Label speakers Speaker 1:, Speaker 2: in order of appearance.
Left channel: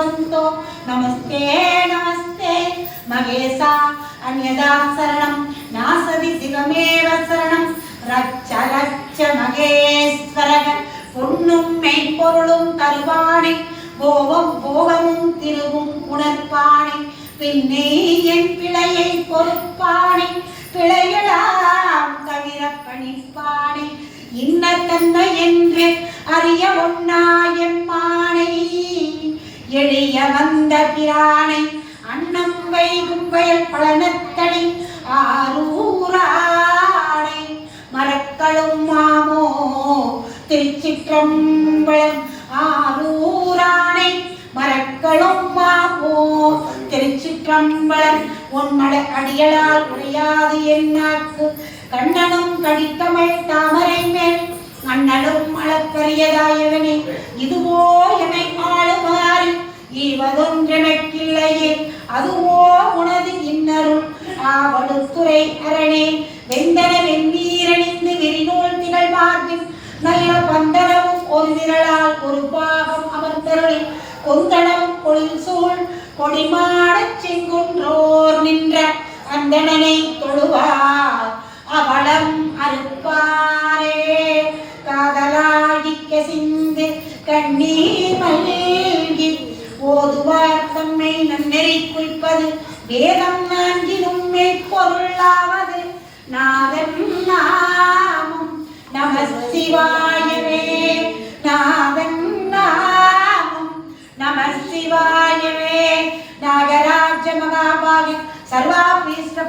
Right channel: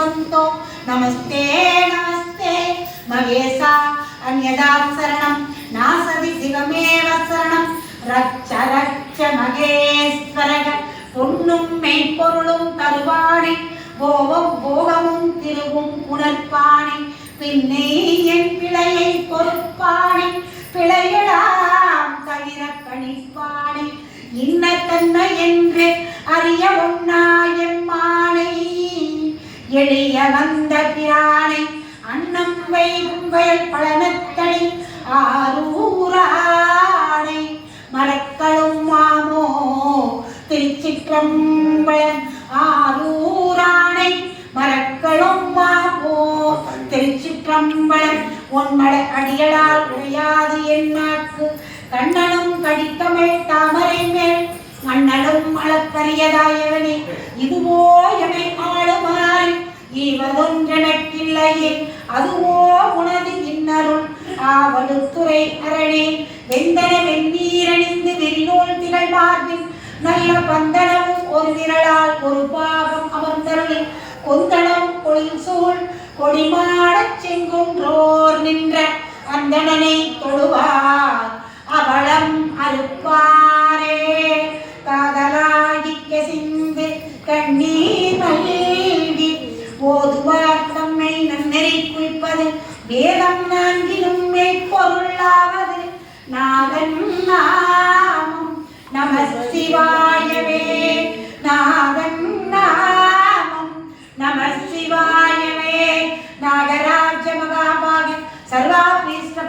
Speaker 1: भवन्तो नमस्ते नमस्ते महेशा अन्यदा शरणं नासदि शिवमेव शरणं रच्च रच्च மகேஸ்வரக பொன்னும் மெய்ப்பொருளும் தருவானே போகம் போகமும் திருவும் உணர்ப்பானே பின்னே என் பிழையை பொறுப்பானே பிழையலாம் தவிர பணிப்பானே இன்ன தன்மை என்று அறிய ஒன்னாயம்மானை எளிய வந்த பிரானை அன்னம் வைகும் வயல் பழனத்தடி ஆரூரானை மரக்களும் மாமோ திருச்சிற்றம்பலம் ஆரூராணை மரக்களும் மாமோ திருச்சிற்றம்பலம் உன்மட அடியலால் உடையாது என்னாக்கு கண்ணனும் கடித்தமிழ் தாமரை மேல் மன்னனும் அளப்பரியதாயவனே. ஆளுமாறு அதுவோ உனது இன்னரும்? ஆவடுத்துறை அரணே வெந்தன வெந்நீரணிந்து வெறிநூல் திகழ் மார்பின் நல்ல பந்தனமும் ஒரு விரலால் ஒரு பாகம் அமர்ந்தருள் கொந்தனமும் பொழில் சூழ் கொடிமாடச் செங்குன்றோர் நின்ற அந்தணனை தொழுவார். அவளம் அறுப்பாரே. காதலாடிக்க சிந்து கண்ணீர் மல்கி ஓதுவார் தம்மை நன்னெறி குறிப்பது வேதம் நான்கிலும் மெய்ப்பொருளாவது. நாதன் நாமம் நம சிவாயவே நாதன் நாமம் நம சிவாயவே நாகராஜ மகாபாகன் சர்வாபீஸ்வர